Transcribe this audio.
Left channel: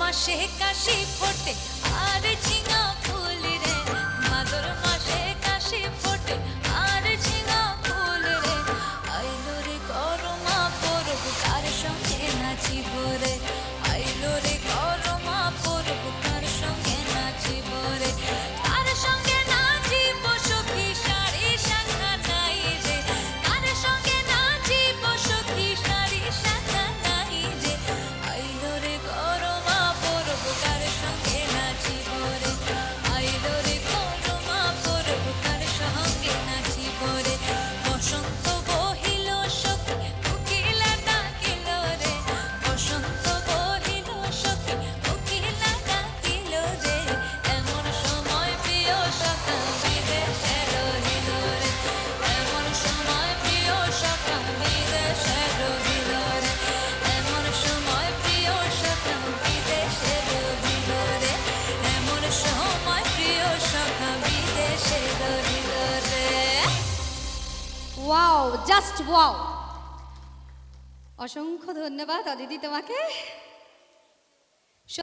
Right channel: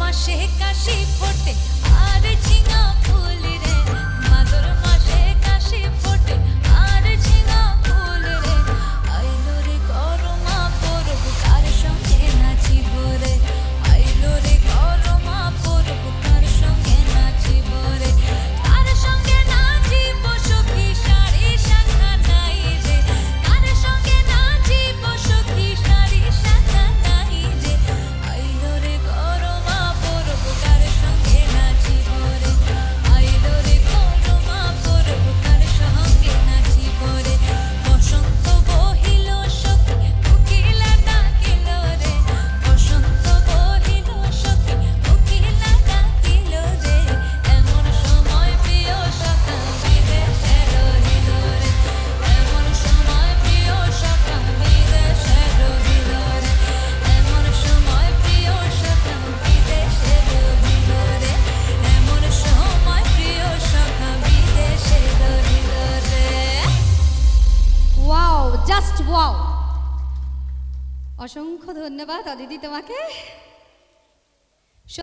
মাসে কাশি ফোটে আর ঝিঙা ফুল রে, ভাদর মাসে কাশি ফোটে আর ঝিঙা ফুল রে। আইলো রে করমা পরব কার সঙ্গে নাচিব রে, আইলো রে করমা পরব কার সঙ্গে নাচিব রে। কার সঙ্গে নাচিব সখী শাড়ি শাখা নাই রে, কার সঙ্গে নাচিব সখী শাড়ি শাখা নাই রে। আইলো রে করমা পরব কার সঙ্গে নাচিব রে, আইলো রে করমা পরব কার সঙ্গে নাচিব রে। বসন্ত বহিল সখী কোকিলা ডাকিল রে, বসন্ত বহিল সখী কোকিলা ডাকিল রে। এমন সময় প্রিয় সখা বিদেশে রহিল রে, এমন সময় প্রিয় সখা বিদেশে রহিল রে, এমন সময় প্রিয় সখা বিদেশে রহিল রে, এমন সময় প্রিয় সখা বিদেশে রহিল রে। Wow, just wow. অসংখ্য ধন্যবাদ অদিতি তোমাকে।